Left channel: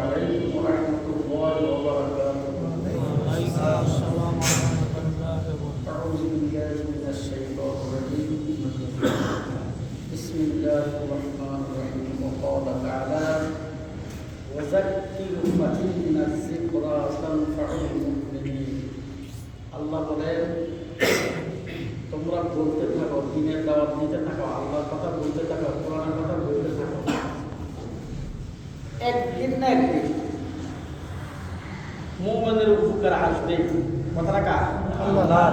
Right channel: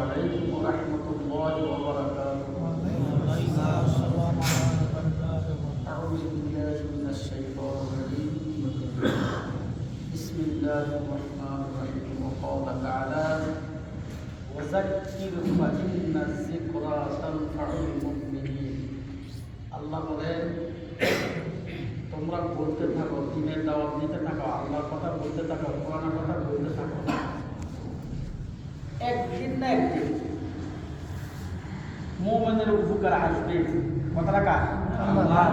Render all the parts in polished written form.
عليكم ورحمة الله وبركاته. أعوذ بالله من الشيطان الرجيم. بسم الله الرحمن الرحيم. وقال تعالى: وذكر فإن الذكرى تنفع المؤمنين. আল্লাহ বলেন, তোমরা বলতে থাকো, দিনের দাওয়াত দিতে থাকো, আল্লাহর কথা বলতে থাকো, কোরআনের কথা বলতে থাকো। একদিন না একদিন মুমিনের উপকার আসবে। কথা রাখা আল্লাহ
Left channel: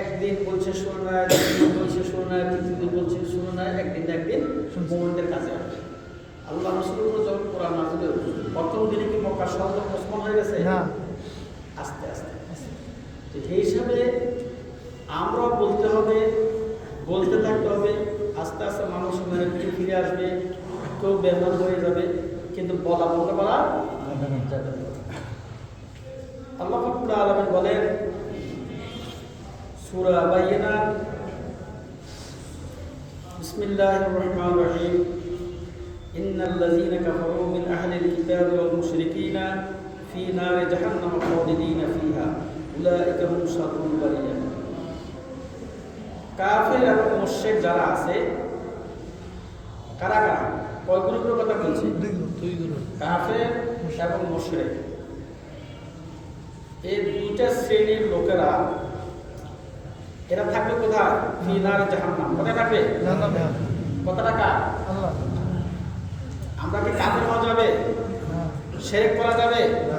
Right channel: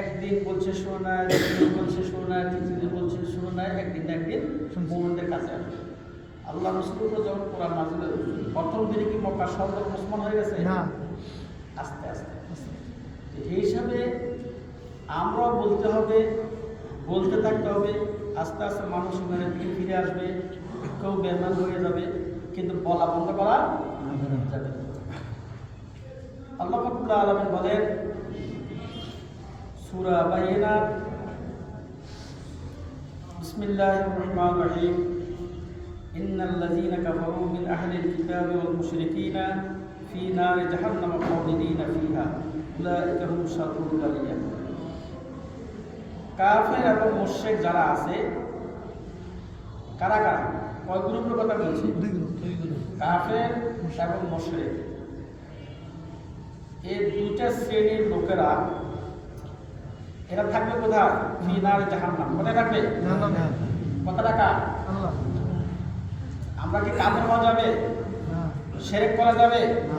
একদিন বলছে শোনা, একদিন বলছে শোনা, তৃতীয় বলছে শোনা, একদিন না একদিন মুমিনদের কাছে আসবে। আল্লাহ রাসূলুল্লাহ যখন কোরআন নাযিল হলো, প্রথম দিনে কি মক্কা শহর মুসলমান হয়ে গেছে? না, আস্তে আস্তে। এই হিসাবে আমরা বলতে হবে, বলতে থাকতে হবে। আস্তে আস্তে মানুষ ফিরে আসবে, কেউ বেমান হয়ে যাবে, কিন্তু বলা বলতে পারা যাবে না। আল্লাহ রাব্বুল আলামিন বলেন সূরা বাইনা, বিসমিল্লাহির রহমানির রহিম, ইন্নাল্লাযীনা কাফারু মিন আহলিল কিতাবি ওয়াল মুশরিকিনা ফি নারি জাহান্নাম খালিদিনা ফিহা উলাইকা হুম শাররুল বারিয়া। কাফের এবং মুশরিক যারা আছে, কারা কারা? কয় গ্রুপের কথা বলছি? কাফের এবং মুশরিক, এই দুইটা শ্রেণীর লোকেরা এরা থাকবে কোথায়? ফি নারি জাহান্নাম। কোথায় থাকবে? জাহান্নামে। কথাটা কার? আল্লাহ। আমরা কি কাফের হওয়া যাবে? না। শিরক করা যাবে? না।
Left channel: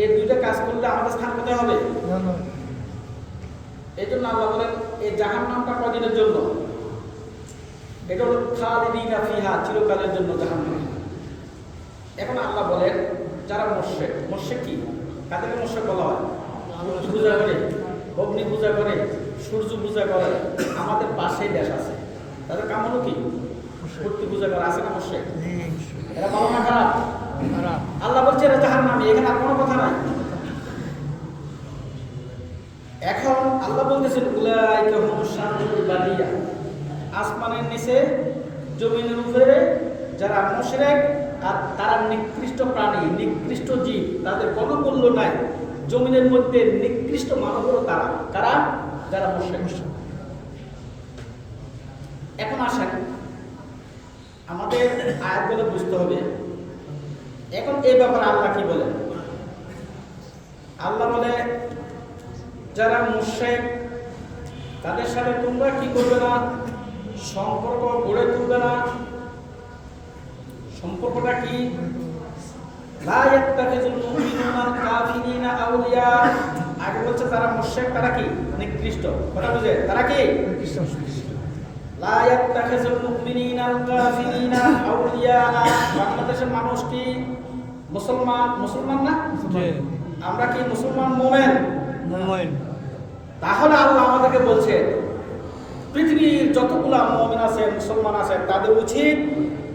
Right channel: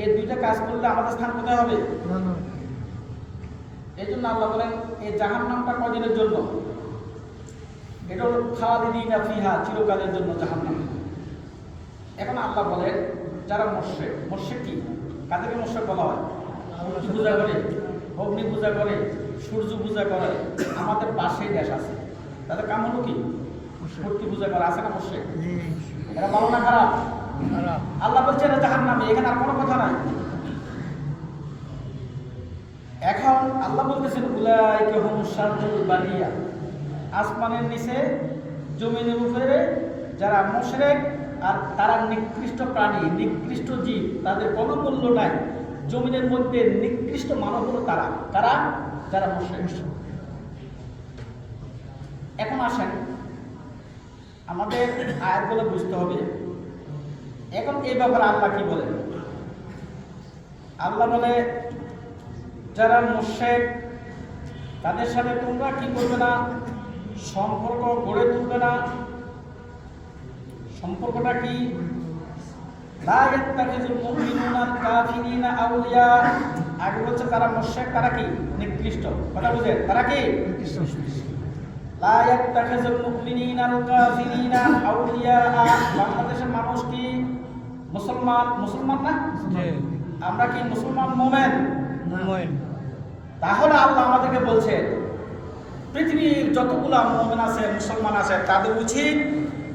এই দুইটা কাজ করলে আমাদের স্থান কোথায় হবে? জাহান্নামে। এই জন্য আল্লাহ বলেন এই জাহান্নামটা কদিনের জন্য? এটা হলো খালিদিনা ফিহা, চিরকালের জন্য জাহান্নাম। এখন আল্লাহ বলেন যারা মুশরিক, মুশরিক কি? কাদেরকে মুশরিক বলা হয়? পূজা করে, অগ্নি পূজা করে, সূর্য পূজা করে। আমাদের পাশেই দেশ আছে, তাদের কাম হলো কি? মূর্তি পূজা করা। আছে না মুশরিক? এরা ভালো না খারাপ? আল্লাহ বলছে এরা জাহান্নামী, এখানে আর কোনো কথা নাই। এখন আল্লাহ বলতেছেন উলাইকা হুম শাররুল বারিয়া, আসমানের নিচে জমিনের উপরে যারা মুশরিক আর তারা নিকৃষ্ট প্রাণী, নিকৃষ্ট জীব, তাদের কোনো মূল্য নাই। জমিনের মধ্যে নিকৃষ্ট মানব হলো তারা। তারা যারা মুশরিক। এখন আসেন আমাদের আয়াতগুলো বুঝতে হবে। এখন এই ব্যাপারে আল্লাহ কি বলেন? আল্লাহ বলে যারা মুশরিক তাদের সাথে তোমরা কি করবে না? সম্পর্ক গড়ে তুলবে না। সম্পর্কটা কি? লা ইয়াত্তাখিযুল মুমিনুনা কাফিরিনা আউলিয়া। আগে বলছে যারা মুশরিক তারা কি? নিকৃষ্ট। কথা বুঝে? তারা কি? নিকৃষ্ট। লা ইয়াত্তাখিযুল মুমিনুনা কাফিরিনা আউলিয়া। বাংলাদেশের মানুষ কি মুসলমান? মুসলমান না? আমরা কি মুসলমান? মুমিন। মুমিন। তাহলে আল্লাহ আমাদেরকে বলছে পৃথিবীর যতগুলো মুমিন আছে, মুসলমান আছে, তাদের উচিত,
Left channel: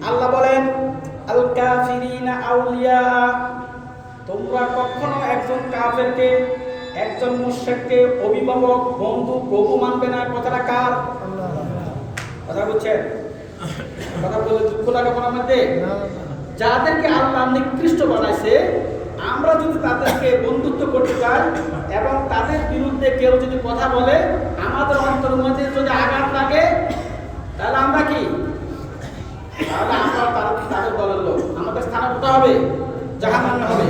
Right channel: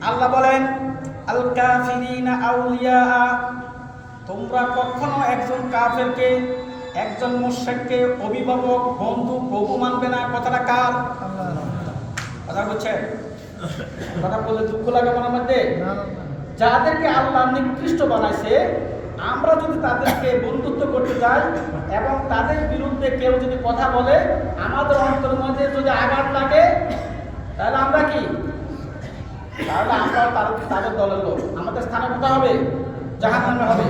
আল্লাহ বলেন আল কাফিরিনা আউলিয়া, তোমরা কখনো একজন কাফেরকে, একজন মুশরিককে অভিভাবক, বন্ধু, প্রভু মানবে না। কথাটা কার? আল্লাহ। কথা বুঝছেন? কথা বলে দুঃখ লাগে মনের মধ্যে? যাদেরকে আল্লাহ নিকৃষ্ট বানাইছে, আমরা যদি তাদেরকে বন্ধুত্ব করতে চাই এবং তাদের বিরুদ্ধে কেউ যদি কথা বলে, আমাদের অন্তরের মধ্যে যদি আঘাত লাগে, তাহলে আমরা কি? তাহলে আমরা তাদের দলের লোক। আমাদের স্থান কোথায় হবে? জাহান্নামে হবে।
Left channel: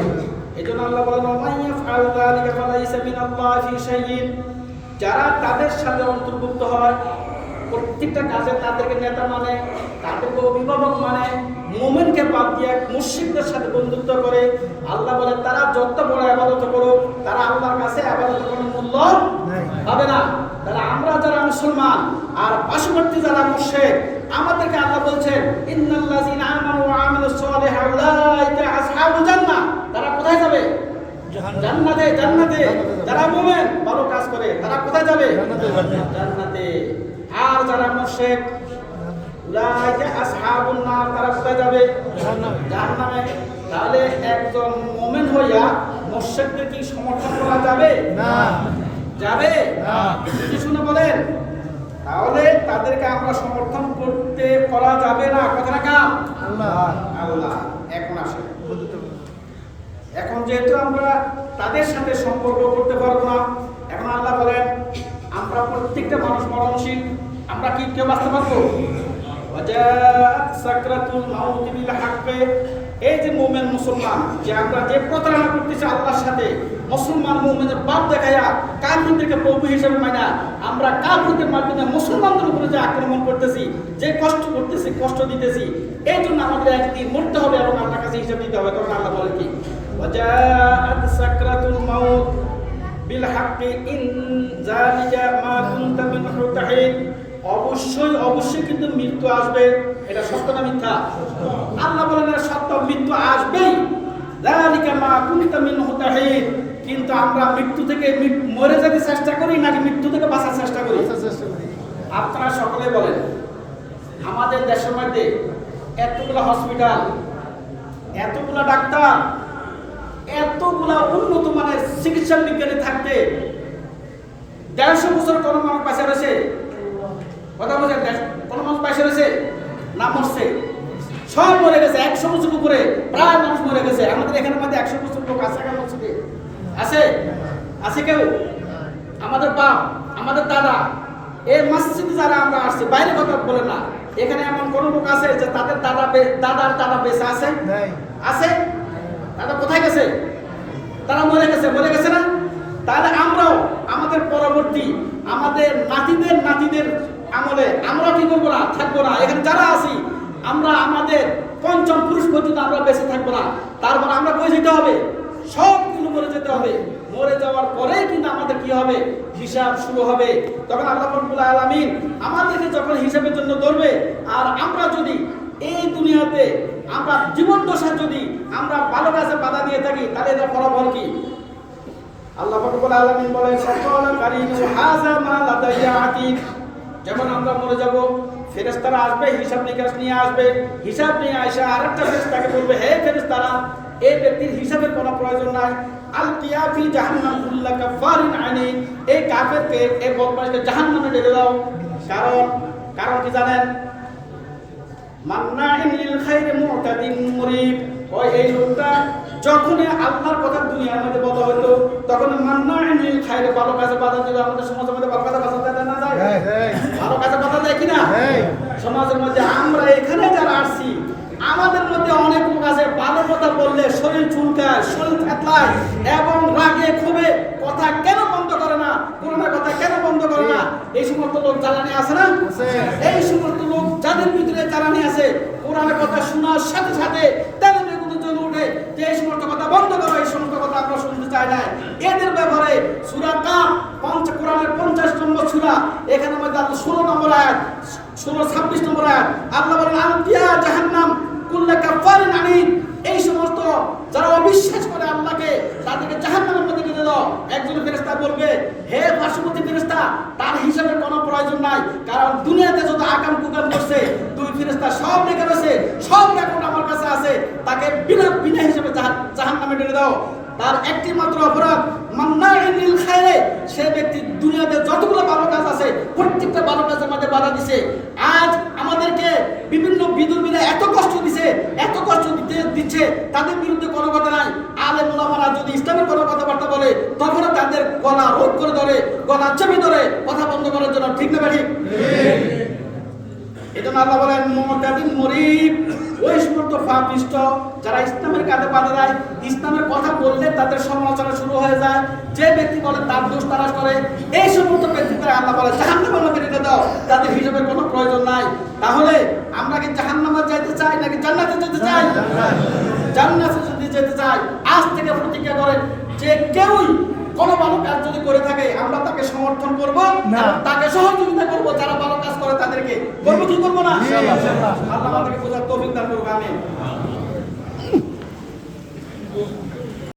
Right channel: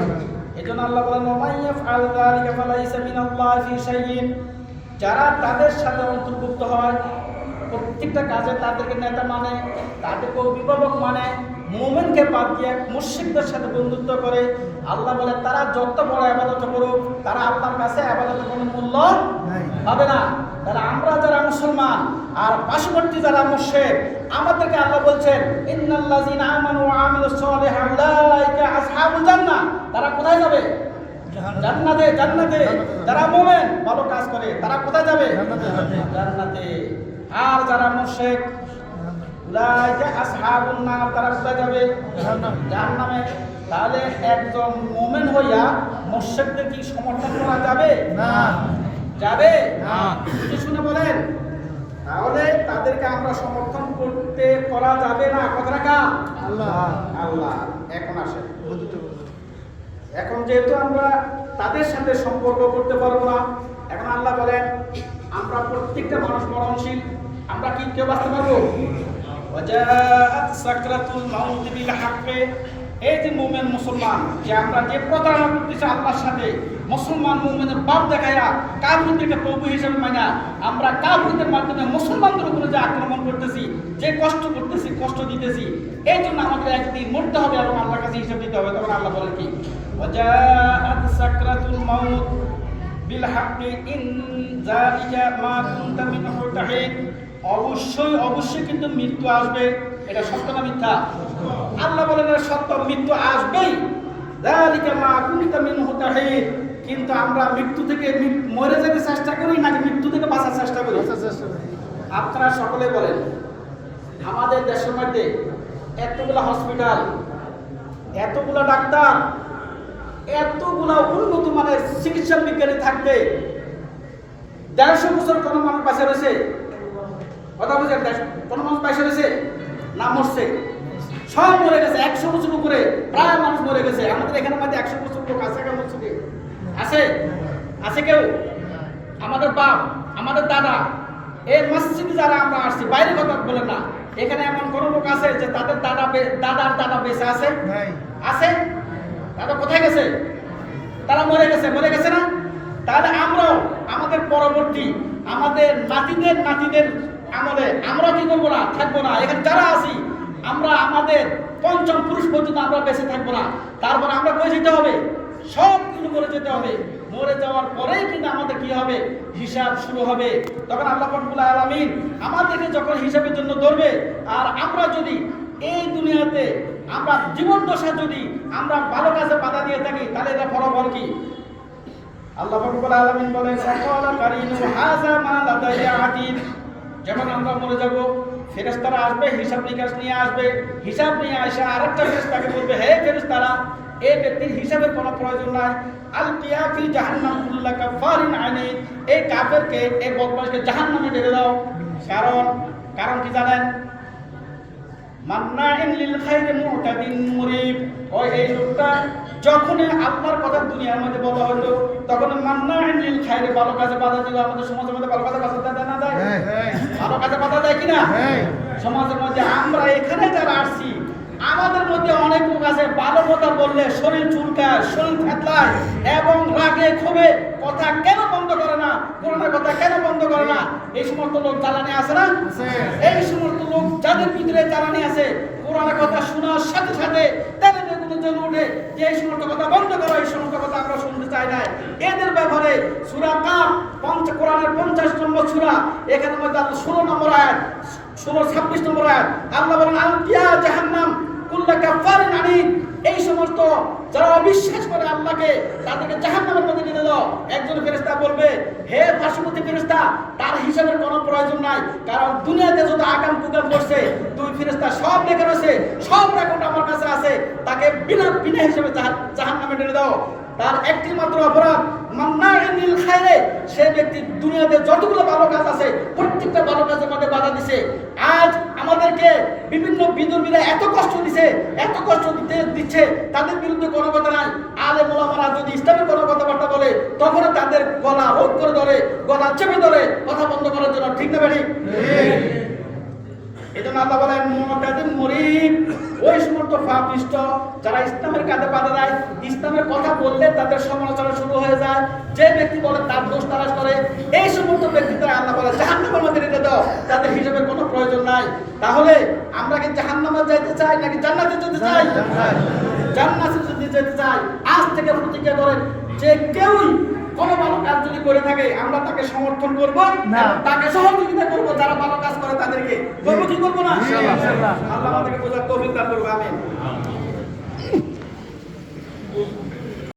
এই জন্য আল্লাহ বলেন ওয়া ইয়াফআল যালিকা ফালাইসা মিনাল্লাহি ফি শাইইন। যারা তাদের সাথে অন্তর্ভুক্ত হয়, প্রত্যেকটা কাজে তাদেরকে নেতা মানে, তাদেরকে অভিভাবক মানে, মুমিনকে বাদ দিয়ে মুশরিকদের সাথে বন্ধুত্ব করে, আল্লাহ বলে তারা যত বড় ইবাদত করুক, তারা আল্লাহর কাছে ইবাদতের কোনো মূল্য পাবে না। তারা আমরা যারা মুসলমান আর পার্শ্ববর্তী যারা মুশরিক, আমাদেরকে আল্লাহ বলছেন ইন্নাল্লাযীনা আমানু ওয়া আমিলুস সালিহাতি উলাইকা আসহাবুল জান্নাহ। তারা কোথায় যাবে? জান্নাতে। জান্নাতে। যারা মুমিন ভালো কাজ করে তারা কোথায় যাবে? জান্নাতে। আর যারা মুশরিক উলাইকা আসহাবুন নার, তারা কোথায় যাবে? জাহান্নামে। তাহলে একজন মুমিন হইয়া মুশরিকদের কি সমর্থন করা যাবে? না। যাবে না। কি শুনে বলেন? তাহলে তাদেরকে আমরা সমর্থন করা যাবে না। কথাটা কার? আল্লাহ। আল্লাহ। এখন আসে, এখন যেহেতু আমরা তাদের সাথে সম্পর্ক করতে পারবো না, এখন আল্লাহ বলেন আমরা প্রত্যেকটা মানুষ মরণশীল, আমরা কি কেউ বাঁচতে পারবো? সাকরাতুল মাউত বিল হাক্কে, এই যে মুমিন মুসলমান যে আমরা যে প্রতারণা করতেছি আল্লাহর সাথে, মুসলমান মুমিনের বাপ দেখায়া কাফিরদেরকে প্রভু হিসেবে মানা, আমরা কাফিরদের মাধ্যমে মুসলমানদের উপরে যে আক্রমণ করতেছি, যে কষ্ট করতেছি, কষ্ট দিতেছি, এই জন্য আমাদের একদিন মরতে হবে এবং আল্লাহর কাছে হিসাব দিতে হবে। তখন আল্লাহ বলেন কি, ওয়াজাআত সাকরাতুল মাউত বিল হাক্কি ইন যালিকা মা কুনতা মিনহু তাহিদ, অবশ্যই অবশ্যই কিন্তু মৃত্যু আসবে। এটা সত্য না মিথ্যা? আল্লাহ বলেন এটা সত্য, মৃত্যু আসবেই। যালিকা মা কুনতা মিনহু তাহিদ, কিন্তু আমরা মৃত্যু থেকে মরে যেতে চেষ্টা করি নাকি মৃত্যু থেকে বাঁচার চেষ্টা করি? আপনারা সকলে বলেন, আমাদের দেশের মধ্যে এতগুলা হসপিটাল, এতগুলা ডাক্তার, এতগুলা উন্নত মানের চিকিৎসা বিজ্ঞানী থাকতে 150 বছর কোন মানুষ পাশে রয়েছে? কথা বলছেন? কোন মানুষ পাশে রয়েছে না মরছে? সব মরে গেছে। 100 বছর উপরে প্রায় মানুষ মরে গেছে। আমাদের এখানে মধ্যে 100 বছর লোক আছে কেন? আছে? আছে কেউ? আমাদের বাপ, আমাদের দাদা, এই মসজিদে যারা আমরা আসছি, বাইরে কথা বলে না, এখানে এমন কোন লোক আছে যে তাদের দাদার দাদা বেঁচে আছে? আছে? দাদা কোথায় গেছে? তারা মরে গেছে না? তাহলে আমরাও আমাদের পরবর্তী আমাদের নাতিদের আমলে আমরা কি করবো না? থাকবো না। এখানে যারা আছি আমরা আমাদের পঞ্চম পুরুষ পর্যন্ত আমরা বেঁচে থাকবো না। তারপর আমরা কই যেতে হবে? সবগুলো মরে যেতে হবে। মরে যাওয়ার পরেই কিন্তু আমাদের কি হবে? হিসাব শুরু হবে। তখন আল্লাহ রাব্বুল আলামিন আমাদেরকে যখন হিসাবের জন্য ধরবে, আর আমরা যদি এই দুনিয়াতে আমরা জীবন দশা যদি আমরা ভালো কাজে বাধা দিয়ে থাকি, তাহলে এটা ফলাফল কি? আল্লাহ রাব্বুল আলামিন বলেন, সাকালা কারিনু হাযা মা লাদাইয়া আতীদ, যেমন আমরা মরে যাব, ফেরেশতারা আসবে, হিসাব নিকাশ নিয়ে আসবে। হিসাব নিয়ে আসা আরেকটা ফেরেশতাকে বলবে, হে ফেরেশতারা, এই ব্যক্তির হিসাবের কোনো প্রয়োজন নাই। আল কিয়াফি জাহান্নাম কুল্লা কাফারিন আনিদ, এই কাফেরকে, এই বদমাশকে জাহান্নামে ঢেলে দাও। কারণ কি জানেন? মান্নাইন লিল খাইরি মুতাদিন মুরিব, ওই এই লোকটা যখন আল্লাহর কথা দুনিয়ার মধ্যে বলা হতো, তখন মান্নাইন লিল খাইরি, ভালো কাজে বাধা দিল। আমাদের সমাজের মধ্যে ভালো কাজে বাধা দেয় না? ভালো কাজে বাধা দেয় কিনা? সমাজের মধ্যে আমরা এখানে যারা আসছি, আমাদের মধ্যে অনেক লোক আছে, ভালো কথা বললে শরীর চুলকায়, শরীর থেতলায় এবং রাগে ক্ষোভে কথা কেন বন্ধ করে না, কোরআনের কথা কেন বন্ধ করে না? এই সমস্ত লোক জ্বালানি আছে না? এই সমস্ত লোক যাদের ভিতরে জ্বালানি আছে, কোরআনের কথা শোনার সাথে সাথে তেলে বেগুনে জ্বলে উঠে যে এই সমস্ত কথা বন্ধ করো, এই সমস্ত কথা আমরা শুনতে চাই না। এদের ব্যাপারে সূরা কাফ, কোরআনের 50 নম্বর সূরা, এখানে মধ্যে 16 নম্বর আয়াত, 16-26 নম্বর আয়াত, আল্লাহ বলেন, আল কিয়া জাহান্নাম কুল্লা কাফারিন আনিদ, এই সমস্ত যারা অবিশ্বাস করে আল্লাহকে, তাদেরকে জাহান্নামের মধ্যে ঢেলে দাও। একজন ফেরেশতা বলবে, হে পার্শ্ববর্তী ফেরেশতা, তার হিসাবের কোনো প্রয়োজন নাই, কারণ দুনিয়াতে যত আকাম কুকাম করছে, দুই ফেরেশতা সব লেখা রয়েছে, সব রেকর্ড আমার কাছে আছে, তাকে বিনা হিসাবে জাহান্নামে ঢেলে দাও। তার একটি মাত্র অপরাধ, মান্নাইন লিল খাইরে, সে ব্যক্তি দুনিয়াতে যতগুলো ভালো কাজ আছে প্রত্যেকটা ভালো কাজের মধ্যে বাধা দিছে। আজ আমাদেরকে বিভিন্ন বিদুর্মীরা এত কষ্ট দিচ্ছে, তাদের বিরুদ্ধে কোনো কথা নাই। আলেম ওলামারা যদি ইসলামের কোনো কথাবার্তা বলে, তখন তাদের গলা রোধ করে ধরে, গলা চেপে ধরে কথা বন্ধ করার জন্য। ঠিক না বেঠিক? এজন্য আল্লাহ বলেন, মুতাদিন মুরিব, ওই সমস্ত পাপিষ্ট যারা ইসলামের কাজে বাধা দেয়, ইসলামের কথা বললে তাদের সমালোচনা শুরু হয়ে যায়, যে ব্যক্তি বলে তার দোষ তালাশ করে, এই সমস্ত ব্যক্তি তারা আল্লাহ বলে জাহান্নামের মধ্যে রেখে দাও, তাদের হিসাবের কোনো প্রয়োজন নাই। তাহলে আমরা কি জাহান্নামে যেতে চাই নাকি জান্নাতে যেতে চাই? জান্নাতে যদি যেতে চাই, আজ থেকে প্রতিজ্ঞা করেন যে কেউ কোনো ভালো কাজ যদি করে থাকে, আমরা তাকে সমর্থন করব না, তাকে সহযোগিতা করব। যারা ভালো কাজ করে তাদেরকে করবো কি করবো না? আল্লাহ আমাদেরকে বোঝার তৌফিক দান করুন। আমিন।